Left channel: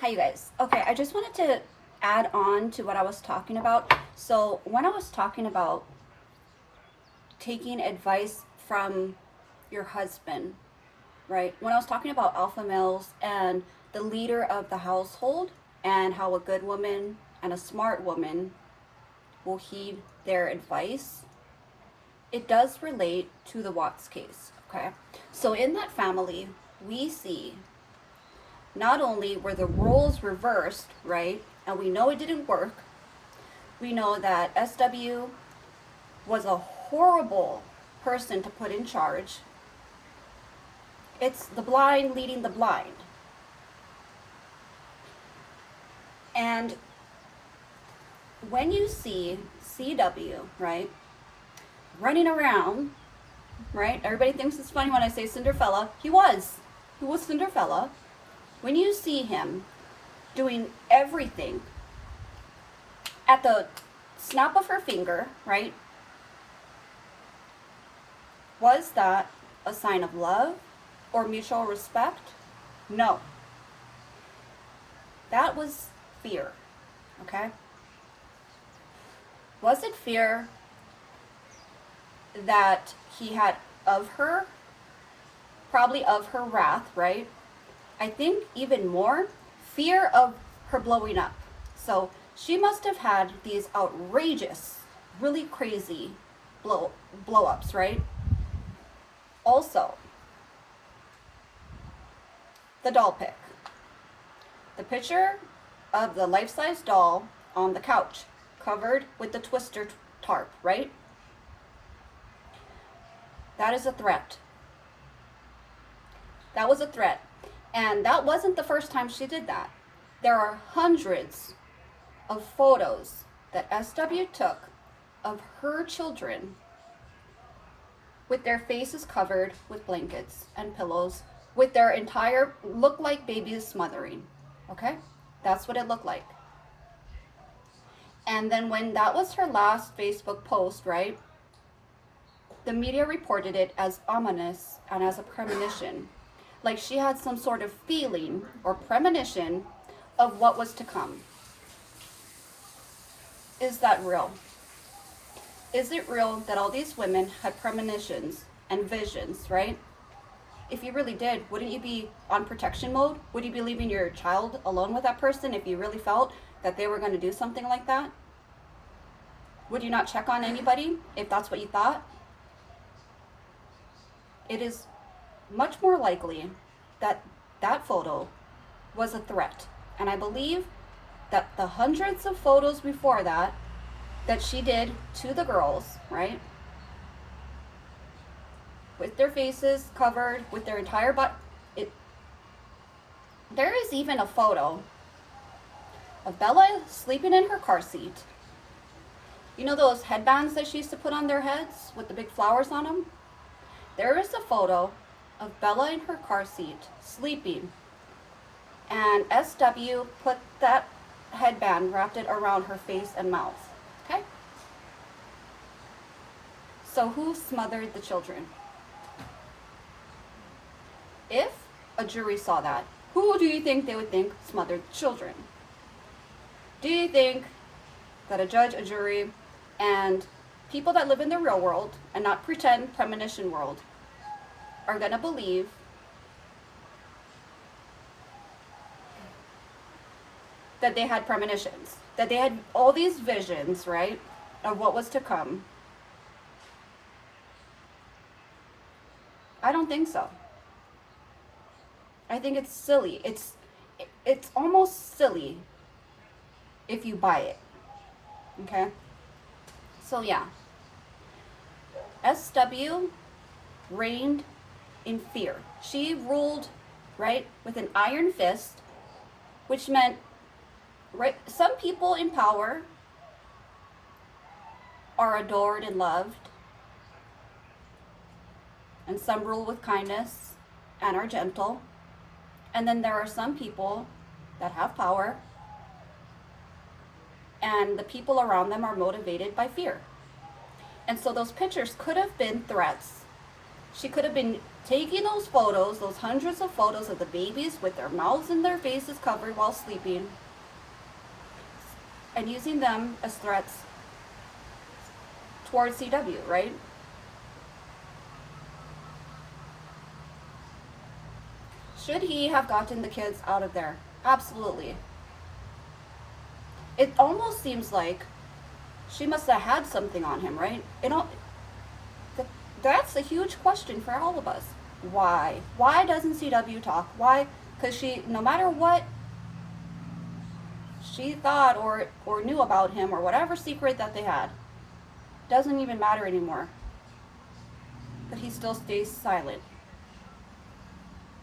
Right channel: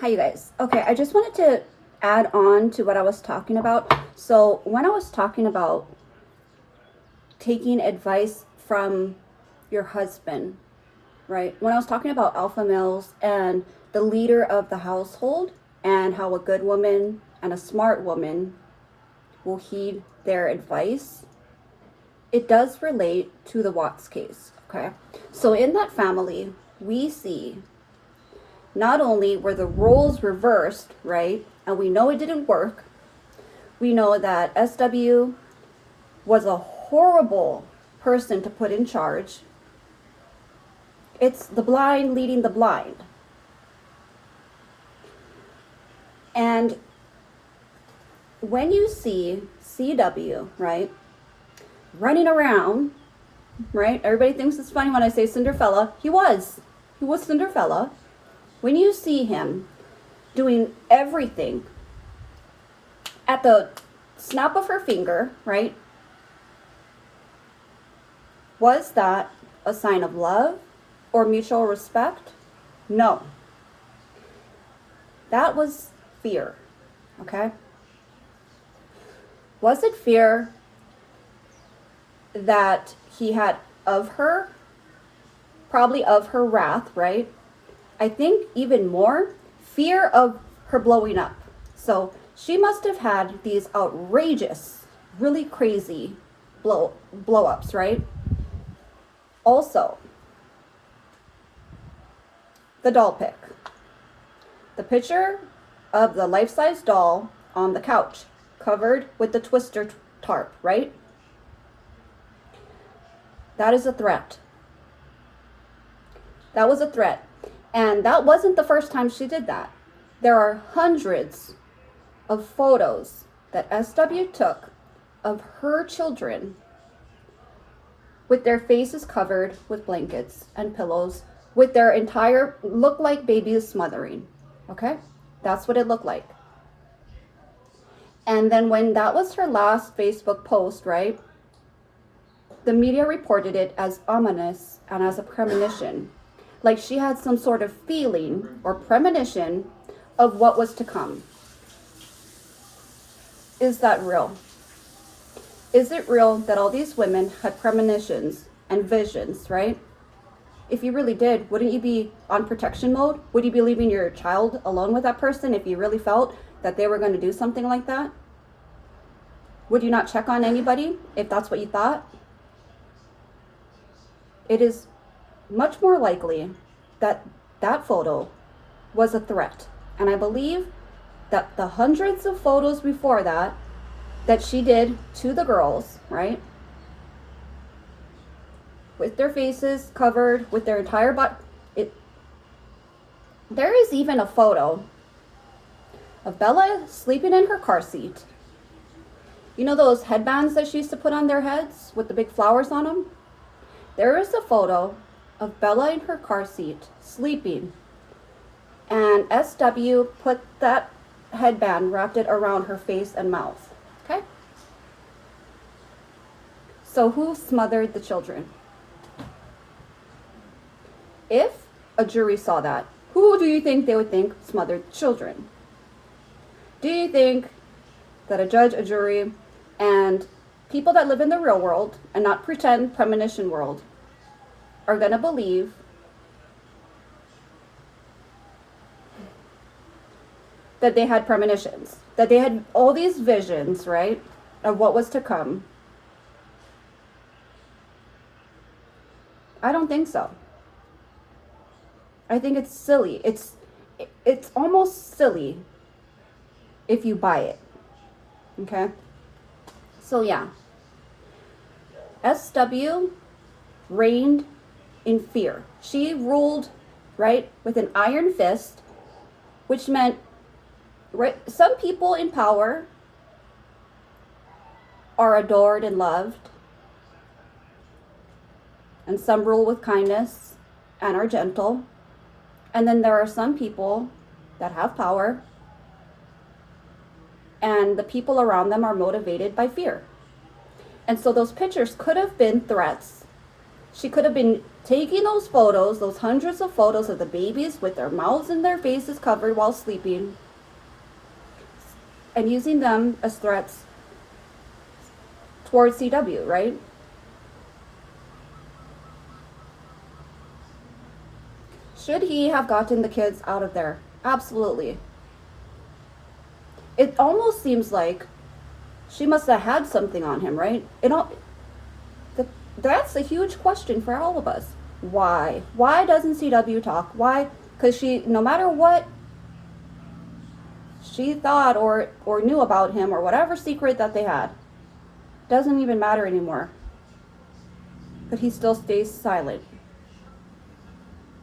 Hi, you guys. Okay, I just wanted to add on to what I was talking about. So, when I was talking about taking advice from your husband, right? When I was talking about alpha males and the leader of the household and how a good woman and a smart woman will heed their advice, it does relate to the Watts case, okay? So, in that family, we see not only were the roles reversed, right? And we know it didn't work. We know that SW was a horrible person to put in charge. It's the blind leading the blind. And when you see CW, right, running around, right? Everybody thinks it's funny when I say Cinderella. He was Cinderella. When you see him doing everything at the snap of her finger, right? Was that a sign of love or mutual respect? No. That was fear, okay? Was it fear that he had of her? Probably of her wrath, right? I think even more fear of her blowing up. So she must have had these outrageous, really crazy blow ups, right? Also, the doll pic. The picture of the life-size doll on the couch, covered with the twister tarp, right? That is a threat. That was a threat. And that wasn't the first time she did that. There are hundreds of photos that SW took of her children with their faces covered with blankets and pillows, with their entire look like babies smothering. Okay? That's what it looked like. And then when that was her last Facebook post, right? The media reported it as ominous and as a premonition. Like she had some sort of feeling or premonition of what was to come. Is that real? Is it real that all these women had premonitions and visions, right? If you really did, wouldn't you be on protection mode? Would you be leaving your child alone with that person if you really felt that they were going to do something like that? Would you not check on anybody if that's what you thought? It is much more likely that that photo was a threat. And I believe that the hundreds of photos before that she did to the girls, right? With their faces covered, with their entire body. There is even a photo of Bella sleeping in her car seat. You know those headbands that she used to put on their heads with the big flowers on them? There is a photo of Bella in her car seat, sleeping. And SW put that headband, wrapped it around her face and mouth. Okay? So who smothered the children? If a jury saw that, who do you think they would think smothered children? Do you think that a judge, a jury, and people that live in the real world and not pretend premonition world are going to believe that they had premonitions, that they had all these visions, right, of what was to come? I don't think so. I think it's silly. It's almost silly if you buy it. Okay? So yeah. SW reigned in fear. She ruled, right, with an iron fist, which meant, right, some people in power are adored and loved, and some rule with kindness and are gentle. And then there are some people that have power and the people around them are motivated by fear. And so those pictures could have been threats. She could have been taking those photos, those hundreds of photos of the babies with their mouths and their faces covered while sleeping, and using them as threats towards CW, right? Should he have gotten the kids out of there? Absolutely. It almost seems like she must have had something on him, right? That's a huge question for all of us. Why? Why doesn't CW talk? Why? Because no matter what she thought or knew about him or whatever secret that they had, doesn't even matter anymore. But he still stays silent.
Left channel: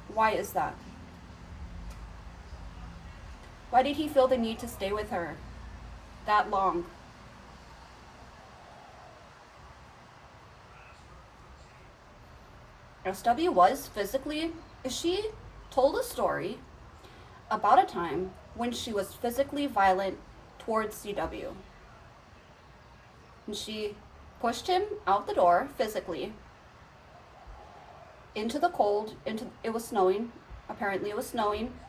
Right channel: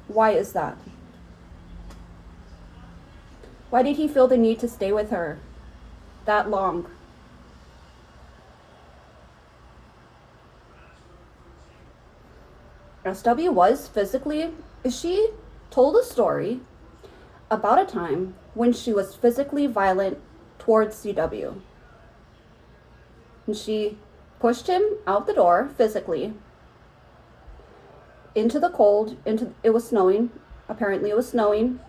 Why is that? Why did he feel the need to stay with her that long? SW was physically, she told a story about a time when she was physically violent towards CW. And she pushed him out the door physically into the cold, it was snowing. Apparently it was snowing,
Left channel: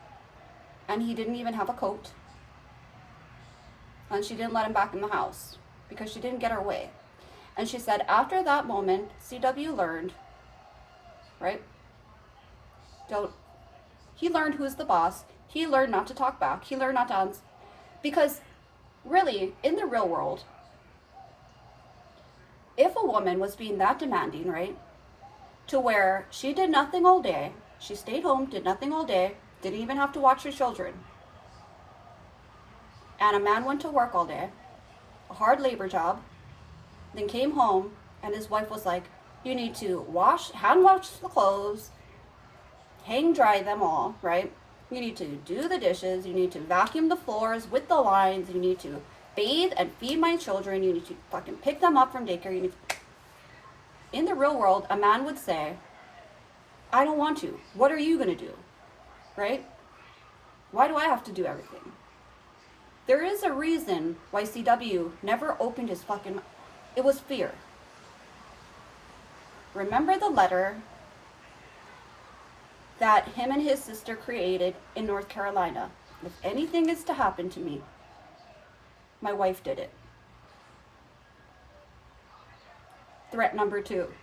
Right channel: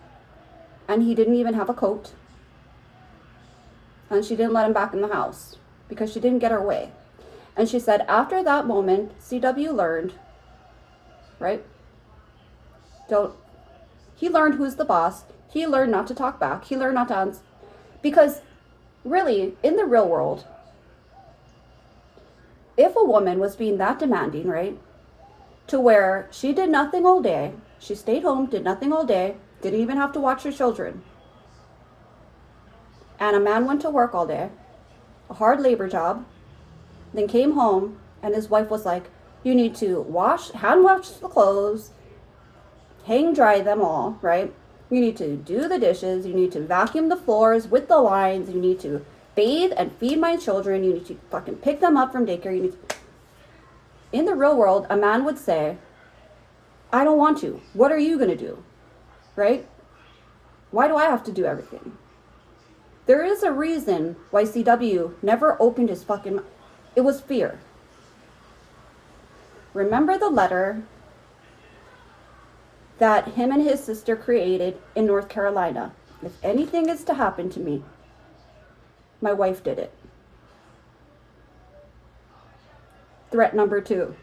and he didn't even have a coat. And she didn't let him back in the house because she didn't get her way. And she said after that moment, CW learned, right? He learned who's the boss. He learned not to talk back. He learned not to answer. Because really, in the real world, if a woman was being that demanding, right, to where she did nothing all day, she stayed home, did nothing all day, didn't even have to watch her children, and a man went to work all day, a hard labor job, then came home, and his wife was like, you need to hand wash the clothes, hang dry them all, right? You need to do the dishes, you need to vacuum the floors with the lines, you need to bathe and feed my children, you need to fucking pick them up from daycare, you need to... In the real world, a man would say, I don't want to. What are you going to do? Right? Why do I have to do everything? There is a reason why CW never opened his fucking mouth. It was fear. Remember the letter that him and his sister created in North Carolina? If anything is to happen to me, my wife did it. Threat number 2.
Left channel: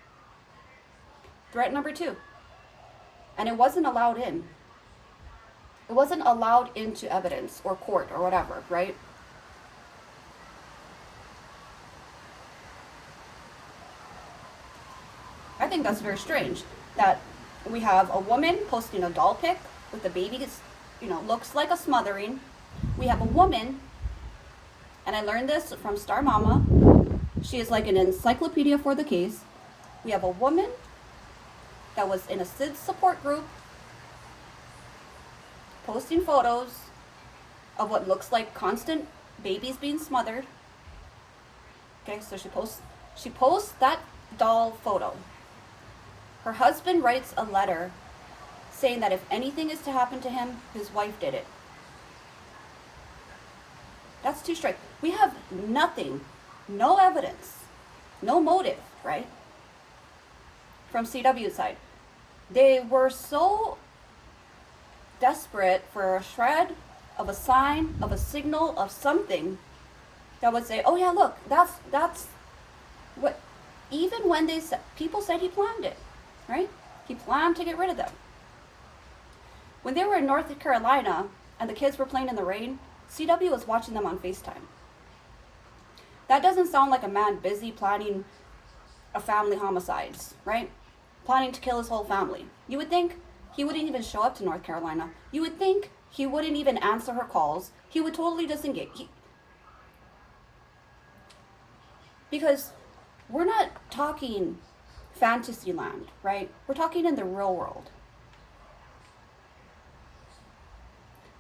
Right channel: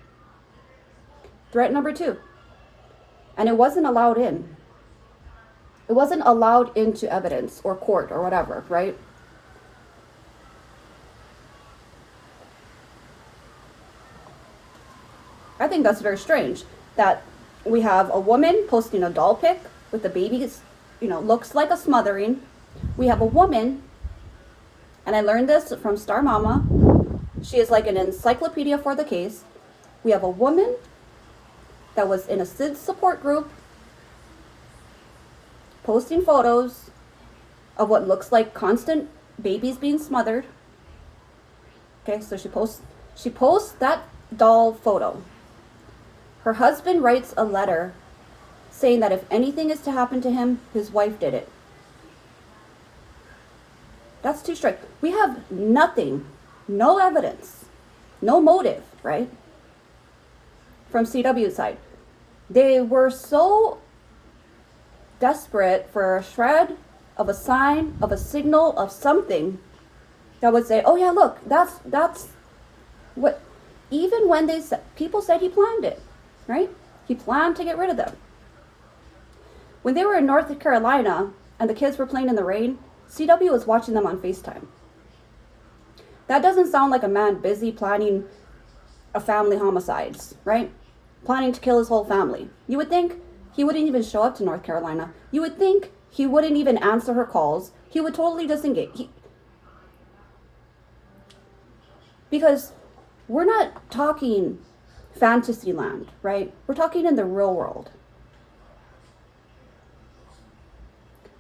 Threat number 2. And it wasn't allowed in. It wasn't allowed into evidence or court or whatever, right? I think that's very strange that we have a woman posting a doll pic with the baby, looks like a smothering. We have a woman, and I learned this from Star Mama. She is like an encyclopedia for the case. We have a woman that was in a SID support group posting photos of what looks like constant babies being smothered. Okay, so she posts that doll photo. Her husband writes a letter saying that if anything is to happen to him, his wife did it. That's too strict. We have nothing, no evidence, no motive, right? From CW's side. They were so desperate for a shred of a sign, of a signal, of something that would say, oh yeah, look, that's what, even when people said he planned it, right? He planned to get rid of them. When they were in North Carolina and the kids were playing in the rain, CW was watching them on FaceTime. That doesn't sound like a man busy planning a family homicides, right? Planning to kill his whole family. You would think he wouldn't even show up to North Carolina. You would think he wouldn't even answer her calls. He would totally disengage. Because we're not talking fantasy land, right? We're talking in the real world.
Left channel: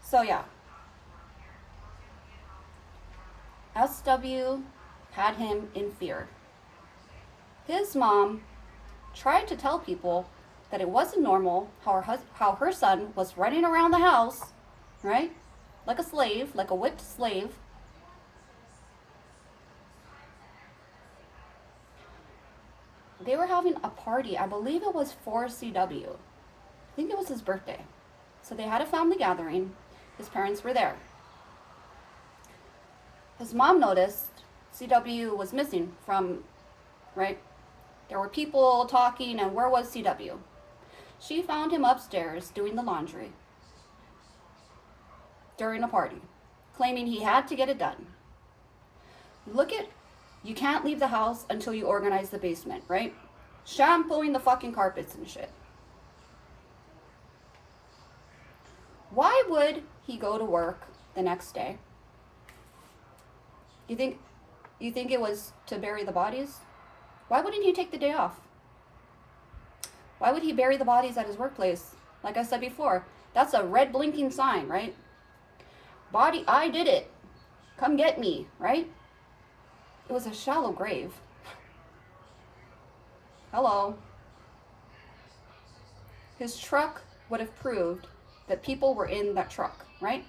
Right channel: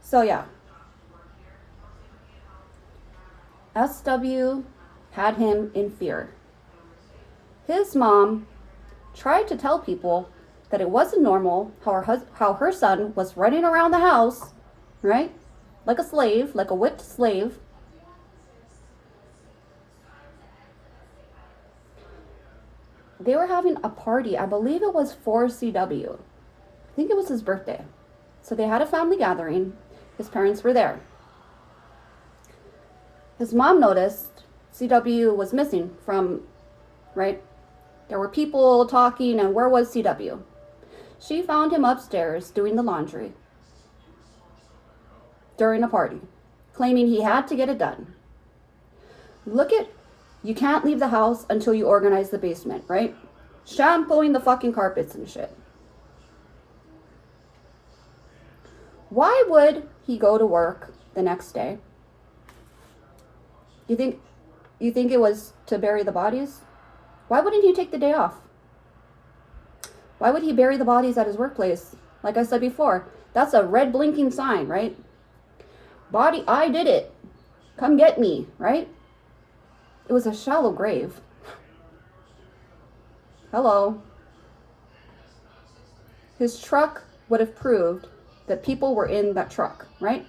So yeah. SW had him in fear. His mom tried to tell people that it wasn't normal how her son was running around the house, right? Like a slave, like a whipped slave. They were having a party. I believe it was for CW. I think it was his birthday. So they had a family gathering. His parents were there. His mom noticed CW was missing from, right? There were people talking, and where was CW? She found him upstairs doing the laundry during a party, claiming he had to get it done. You can't leave the house until you organize the basement, right? Shampooing the fucking carpets and shit. Why would he go to work the next day? You think it was to bury the bodies? Why wouldn't he take the day off? Why would he bury the bodies at his workplace? Like I said before, that's a red blinking sign, right? Body, I did it. Come get me, right? It was a shallow grave. Hello. His truck would have proved that people were in that truck, right?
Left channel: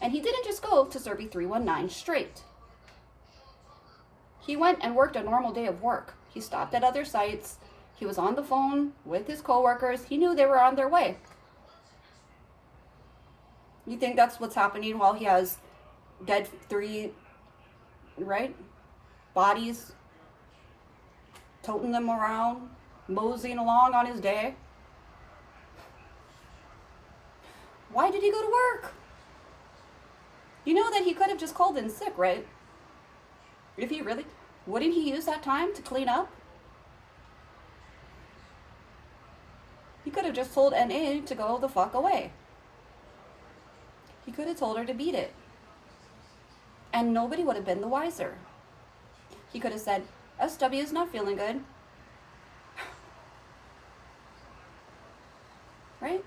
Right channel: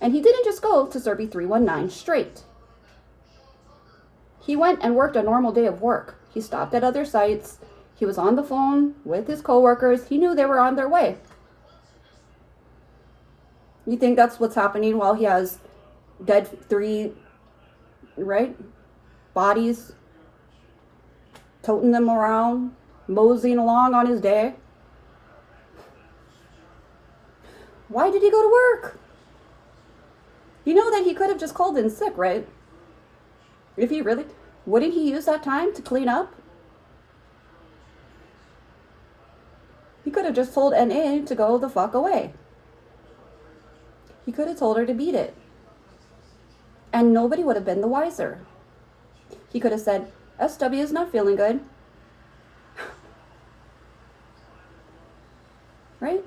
And he didn't just go to Serby 319 straight. He went and worked a normal day of work. He stopped at other sites. He was on the phone with his coworkers. He knew they were on their way. You think that's what's happening while he has dead 3, right? Bodies, toting them around, moseying along on his day? Why did he go to work? You know that he could have just called in sick, right? If he really, wouldn't he use that time to clean up? He could have just told NA to go the fuck away. He could have told her to beat it. And nobody would have been the wiser. He could have said, SW is not feeling good. Right?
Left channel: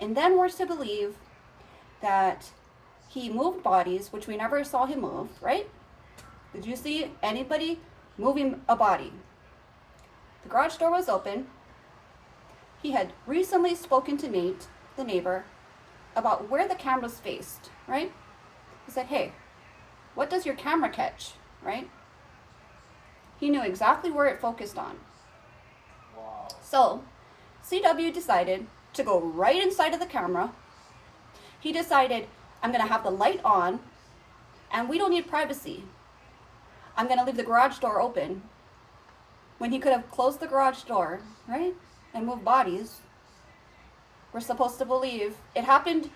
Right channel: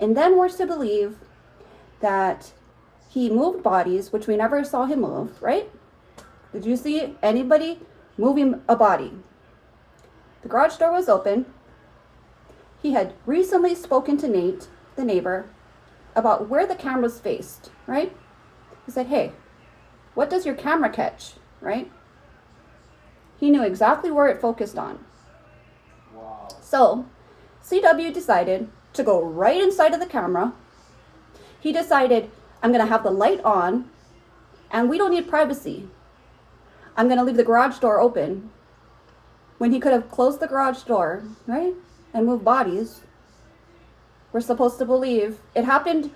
And then we're to believe that he moved bodies, which we never saw him move, right? Did you see anybody moving a body? The garage door was open. He had recently spoken to Nate, the neighbor, about where the cameras faced, right? He said, hey, what does your camera catch, right? He knew exactly where it focused on. Wow. So CW decided to go right inside of the camera. He decided, I'm going to have the light on, and we don't need privacy. I'm going to leave the garage door open, when he could have closed the garage door, right? And moved bodies. We're supposed to believe it happened.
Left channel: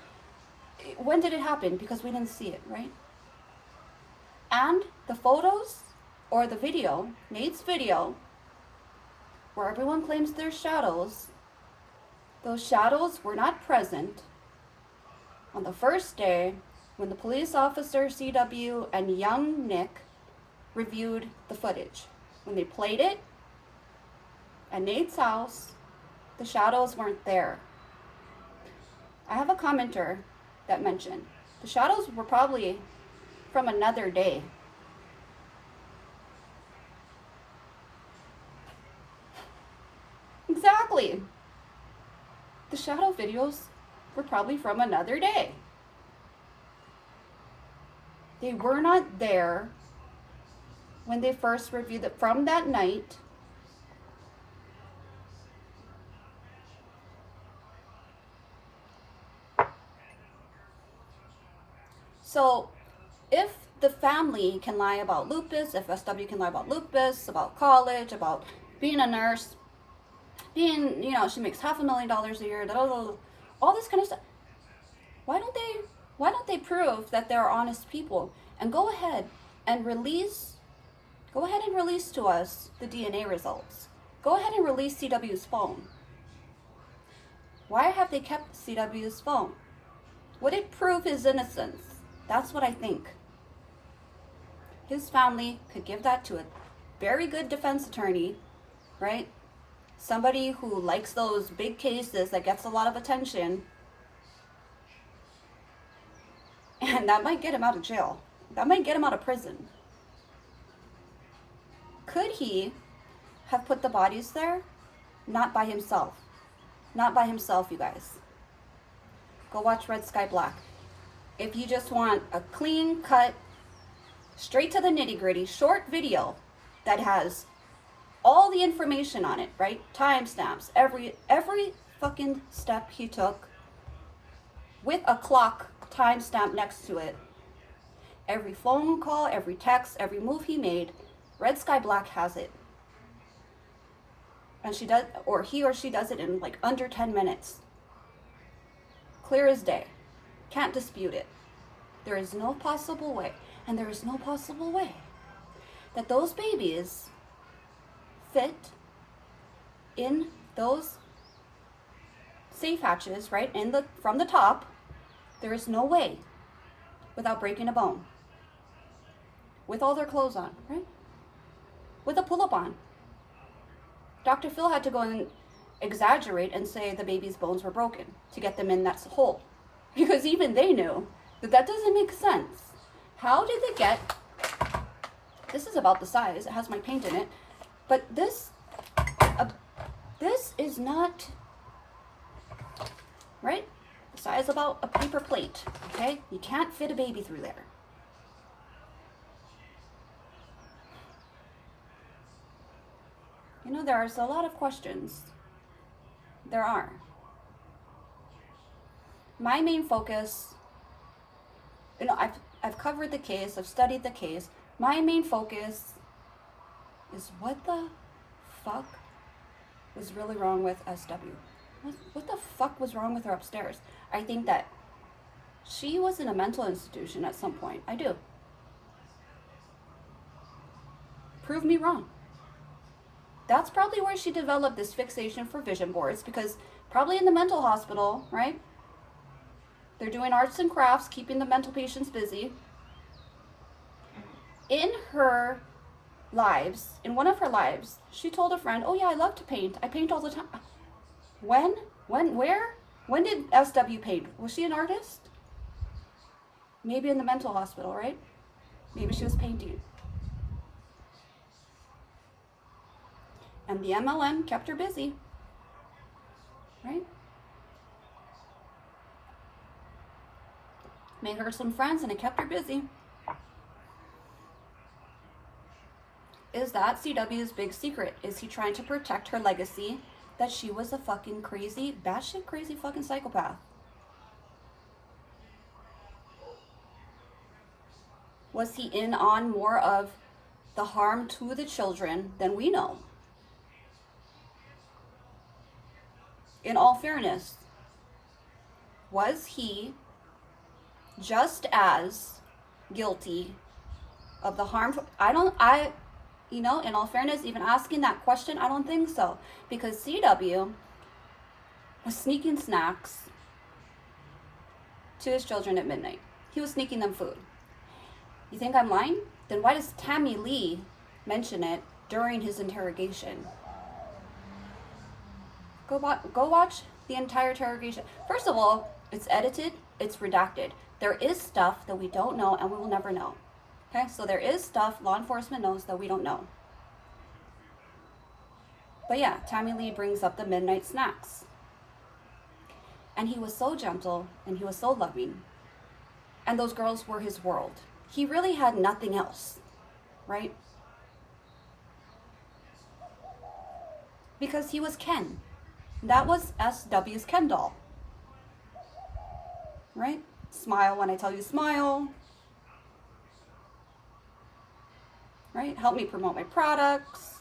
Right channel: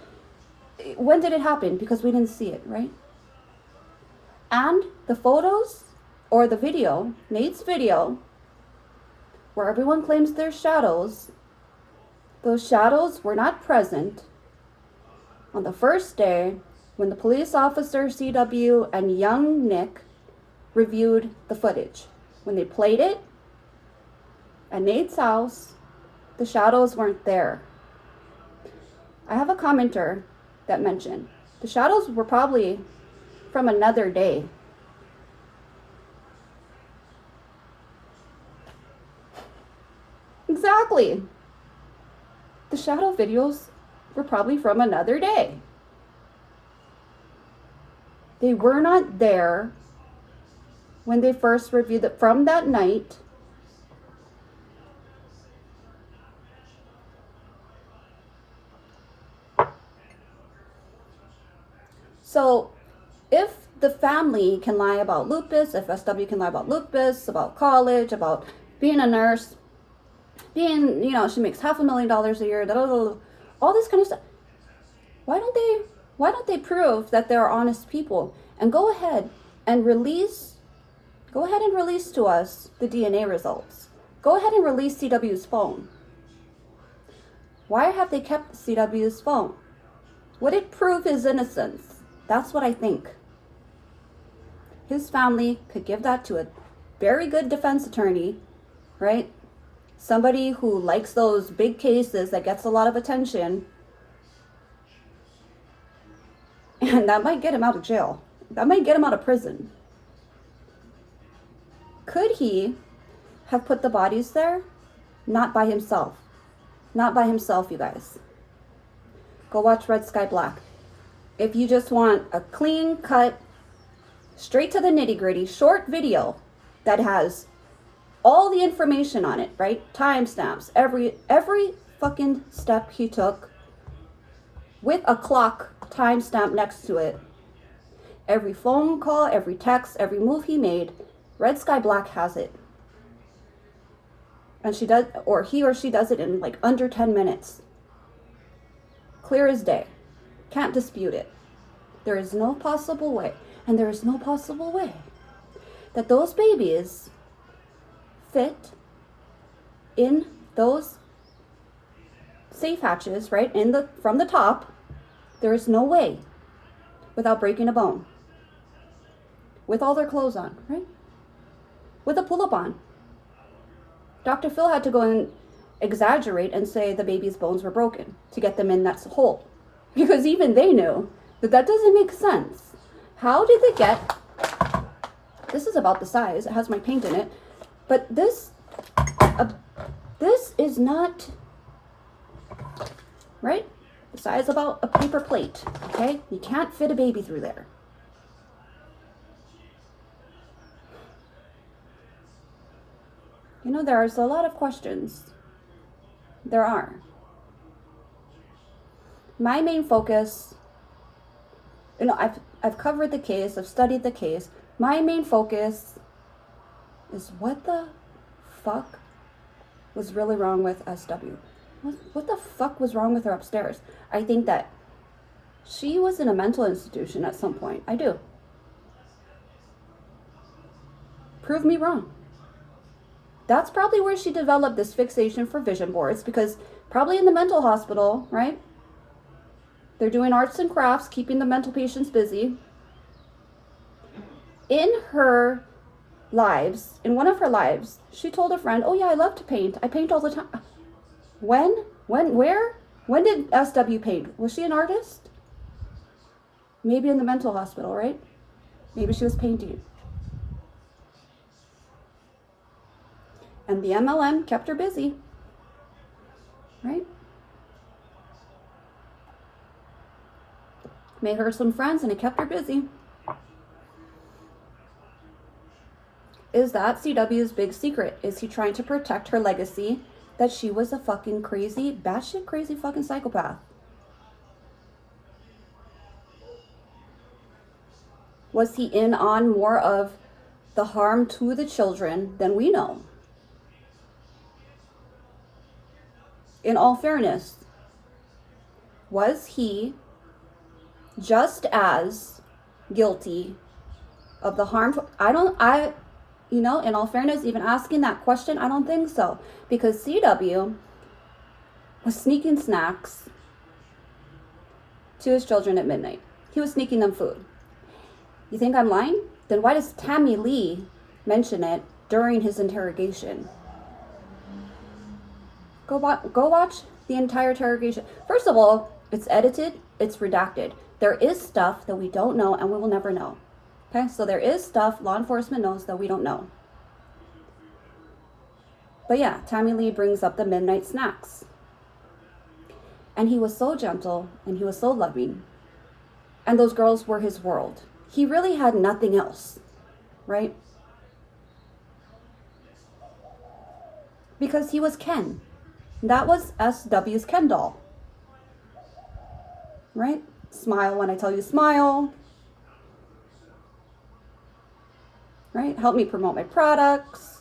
When did it happen? Because we didn't see it, right? And the photos or the video, Nate's video, where everyone claims there's shadows, those shadows were not present on the first day when the police officer, CW, and young Nick reviewed the footage. When they played it at Nate's house, the shadows weren't there. I have a commenter that mentioned the shadows were probably from another day. Exactly. The shadow videos were probably from another day. They were not there when they first reviewed it from that night. So if the family can lie about lupus, if SW can lie about lupus, about college, about being a nurse, being, she makes $500,000 a year, all this kind of stuff, why don't they prove that they're honest people and go ahead and release to us the DNA results. Go ahead and release CW's phone. Why have they kept CW's phone? Would it prove his innocence? That's what I think. His family could give that to a very good defense attorney, right? Somebody who likes those big cases that gets a lot of attention. And that might get him out of jail. That might get him out of prison. Could he have put the bodies there? Not by himself. Not by himself, you guys. Go watch Red Sky Black. If you just want a clean cut, straight to the nitty gritty, short video that has all the information on it, right? Timestamps, every fucking step he took with a clock timestamp next to it. Every phone call, every text, every move he made, Red Sky Black has it. And she does, or he or she does it in like under 10 minutes. Clear as day. Can't dispute it. There is no possible way, and there is no possible way that those babies fit in those safe hatches, right? From the top. There is no way without breaking a bone. With all their clothes on, right? With a pull-up on. Dr. Phil had to go and exaggerate and say the baby's bones were broken to get them in that hole. Because even they knew that doesn't make sense. How did they get... This is about the size. It has my paint in it. But this is not... Right? The size about a paper plate. Okay? You can't fit a baby through there. You know, there's a lot of questions. There are. My main focus, you know, I've covered the case, I've studied the case. My main focus is what the fuck was really wrong with SW? What the fuck was wrong with her upstairs? I think that she was in a mental institution at some point. I do. Prove me wrong. That's probably where she developed this fixation for vision boards, because probably in the mental hospital, right? They're doing arts and crafts, keeping the mental patients busy. In her lives, in one of her lives, she told a friend, oh yeah, I love to paint. I paint all the time. When? Where? When did SW paint? Was she an artist? Maybe in the mental hospital, right? Maybe she was painting. And the MLM kept her busy, right? Made her some friends and it kept her busy. Is that CW's big secret? Is he trying to protect her legacy that she was a fucking crazy, batshit crazy fucking psychopath? Was he in on more of the harm to the children than we know? In all fairness, was he just as guilty of the harm? In all fairness, even asking that question, I don't think so. Because CW was sneaking snacks to his children at midnight. He was sneaking them food. You think I'm lying? Then why does Tammy Lee mention it during his interrogation? Go watch the entire interrogation. First of all, it's edited, it's redacted. There is stuff that we don't know and we will never know. Okay, so there is stuff law enforcement knows that we don't know. But yeah, Tammy Lee brings up the midnight snacks. And he was so gentle and he was so loving. And those girls were his world. He really had nothing else, right? Because he was Ken. That was SW's Ken doll. Right? Smile when I tell you smile. Right? Help me promote my products.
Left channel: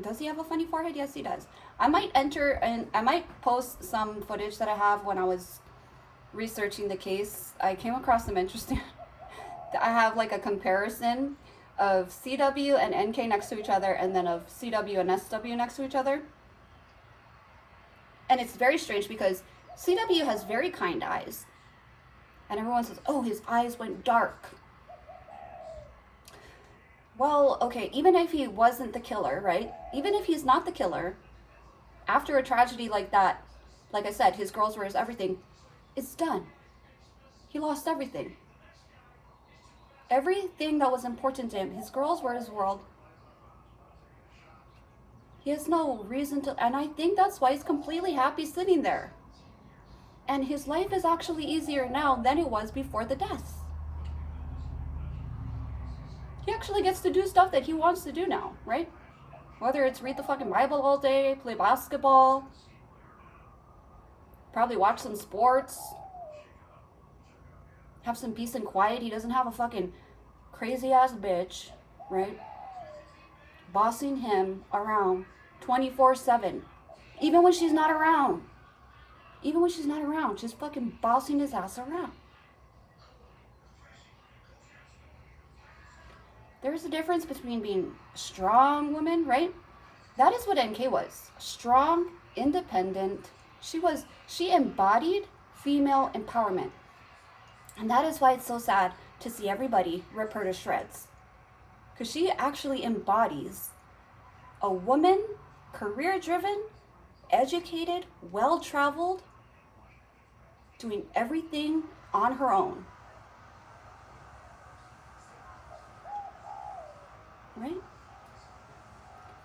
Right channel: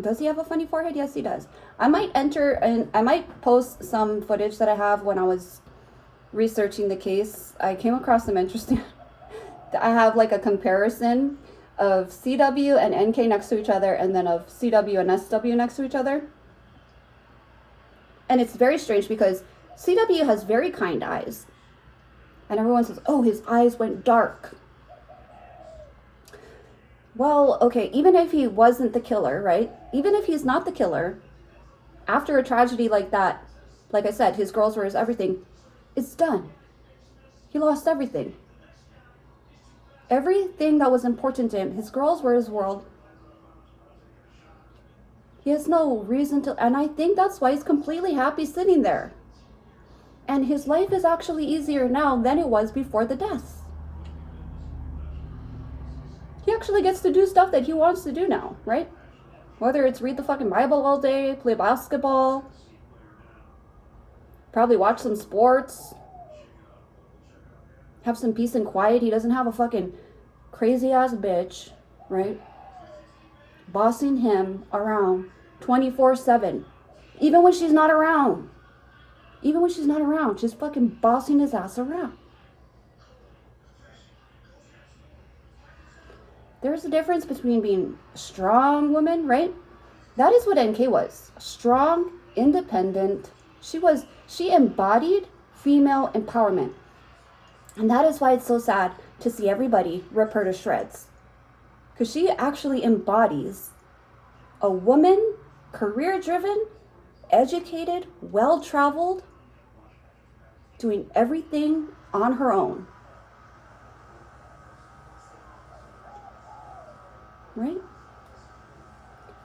Does he have a funny forehead? Yes, he does. I might post some footage that I have when I was researching the case. I came across some interesting. I have like a comparison of CW and NK next to each other, and then of CW and SW next to each other. And it's very strange because CW has very kind eyes. And everyone says, oh, his eyes went dark. Well, okay, even if he wasn't the killer, right? Even if he's not the killer, after a tragedy like that, like I said, his girls were his everything, it's done. He lost everything. Everything that was important to him, his girls were his world. He has no reason to, and I think that's why he's completely happy sitting there. And his life is actually easier now than it was before the deaths. He actually gets to do stuff that he wants to do now, right? Whether it's read the fucking Bible all day, play basketball, probably watch some sports, have some peace and quiet. He doesn't have a fucking crazy ass bitch, right? Bossing him around 24/7. Even when she's not around. Even when she's not around, she's fucking bossing his ass around. There's a difference between being a strong woman, right? That is what NK was. Strong, independent. She embodied female empowerment. And that is why it's so sad to see everybody rip her to shreds. Because she actually embodies a woman, career-driven, educated, well-traveled, doing everything on her own. Right?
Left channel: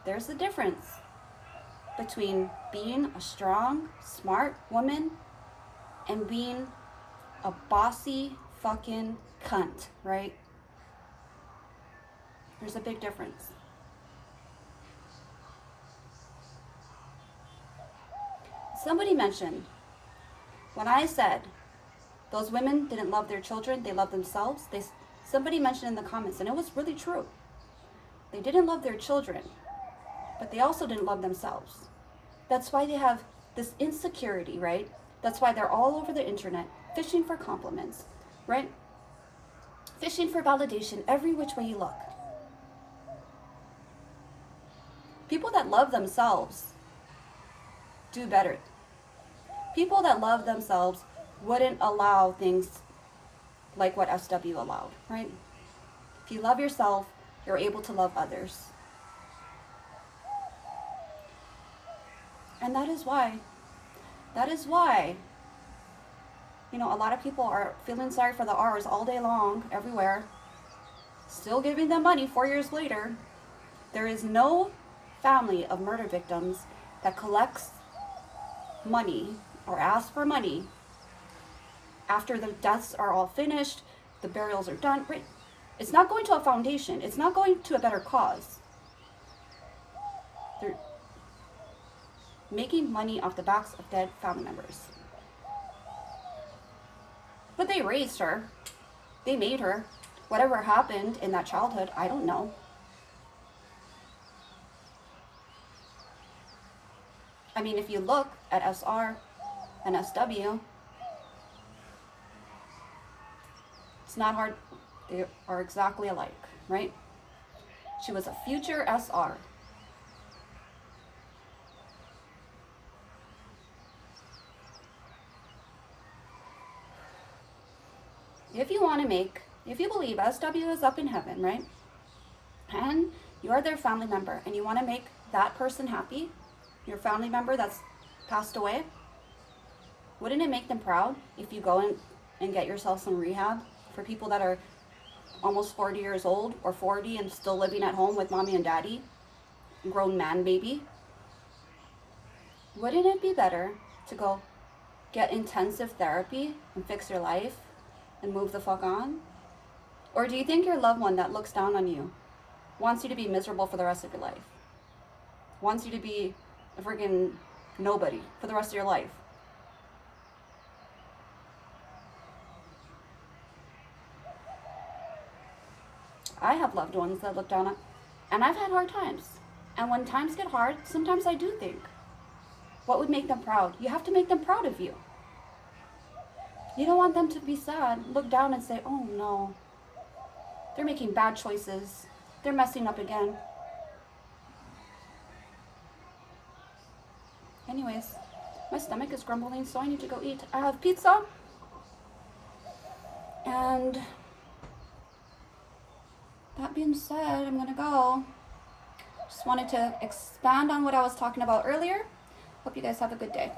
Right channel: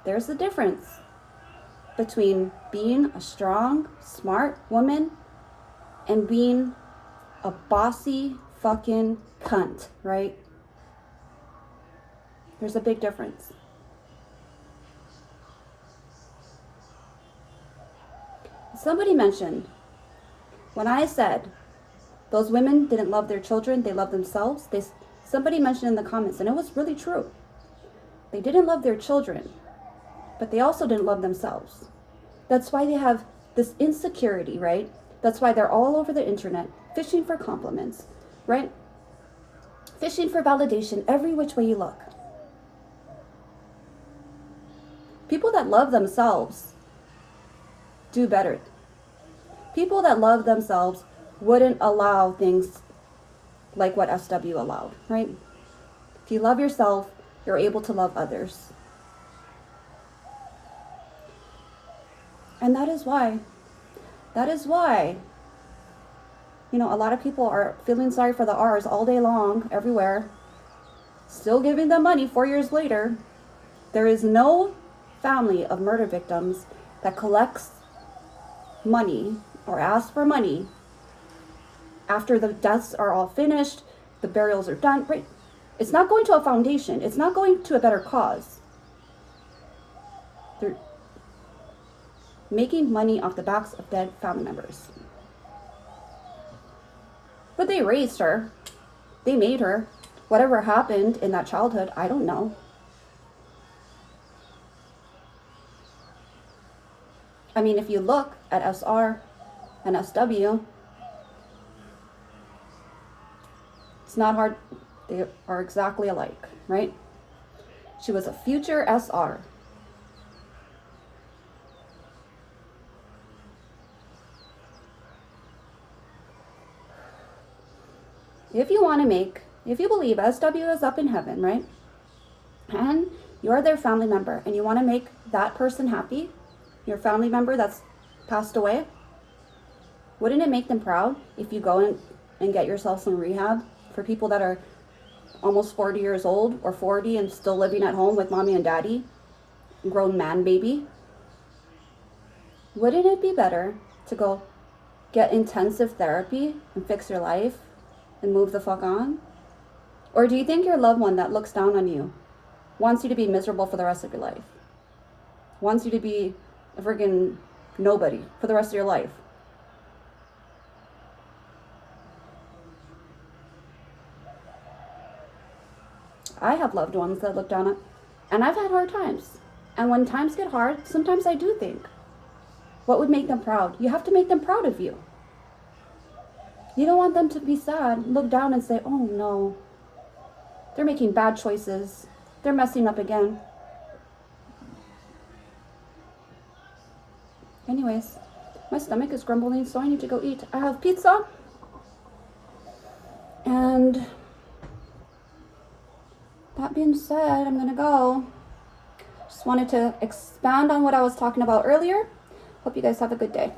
There's the difference between being a strong, smart woman and being a bossy fucking cunt, right? There's a big difference. Somebody mentioned, when I said those women didn't love their children, they loved themselves, somebody mentioned in the comments, and it was really true. They didn't love their children, but they also didn't love themselves. That's why they have this insecurity, right? That's why they're all over the internet, fishing for compliments, right? Fishing for validation every which way you look. People that love themselves do better. People that love themselves wouldn't allow things like what SW allowed, right? If you love yourself, you're able to love others. And that is why, a lot of people are feeling sorry for the R's all day long, everywhere, still giving them money 4 years later. There is no family of murder victims that collects money or asks for money after the deaths are all finished, the burials are done, right? It's not going to a foundation. It's not going to a better cause. They're making money off the backs of dead family members. But they raised her. They made her. Whatever happened in that childhood, I don't know. I mean, if you look at SR and SW, it's not hard. They are exactly alike, right? She was a future SR. If you believe SW is up in heaven, right? And you're their family member and you want to make that person happy, your family member that's passed away, wouldn't it make them proud if you go in and get yourself some rehab for people that are almost 40 years old or 40 and still living at home with mommy and daddy, grown man baby? Wouldn't it be better to go get intensive therapy and fix your life and move the fuck on? Or do you think your loved one that looks down on you wants you to be miserable for the rest of your life? Wants you to be a friggin' nobody for the rest of your life? I have loved ones that look down on, and I've had hard times. And when times get hard, sometimes I do think, what would make them proud? You have to make them proud of you. You don't want them to be sad, look down and say, oh no, they're making bad choices. They're messing up again. Anyways, my stomach is grumbling, so I need to go eat. I have pizza. And that being said, I'm gonna go. Just wanted to expand on what I was talking about earlier. Hope you guys have a good day.